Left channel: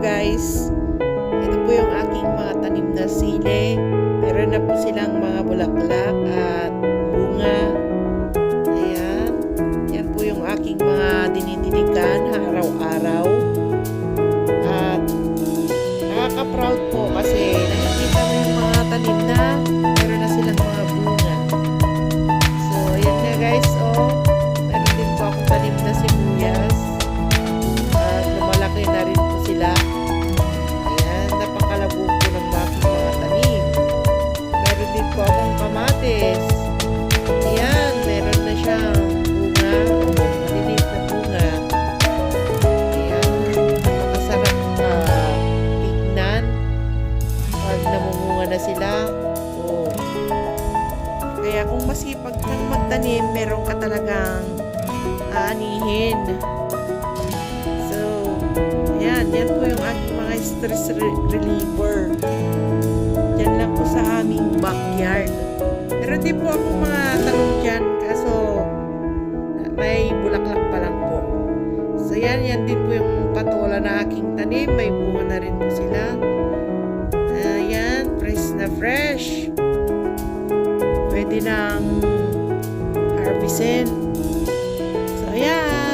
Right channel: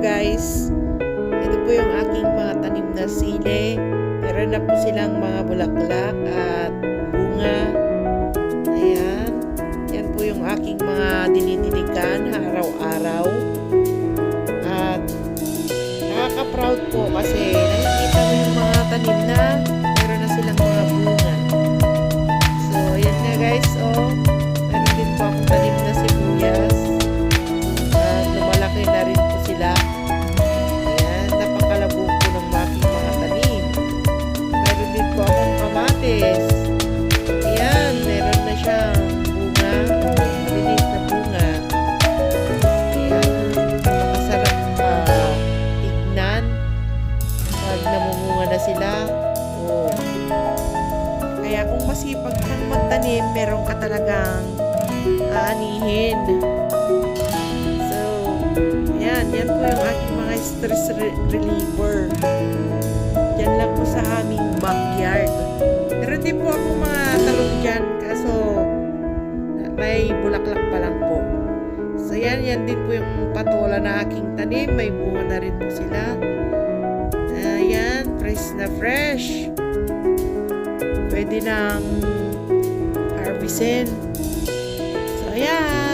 guys. Ito po yung aking mga tanim na sili. Meron na po silang mga bulaklak at bunga. Ayan. Yan po yung aking mga dinidiligan araw-araw. At nakaka-proud po kasi nakikita mo yung mga tanim na meron na silang mga kamatis. Ayan, meron na siyang bunga o maliliit na bunga. Ayan, napakasarap ah, tignan pag namumunga na sila. Oh. Kaya kung masipag kang magtanim, meron ka talagang aanihin. So, ayan, yan po yung aking mga stress re- reliever. Yan lang po sa aming backyard. Meron po akong mga talong dyan, kaso may bulaklak pa lang po. So, yan, yan din po yung patola na aking tanim. May bunga na rin po sila. Ayan, fresh na fresh. Pwede nang harvestin. So, ayan.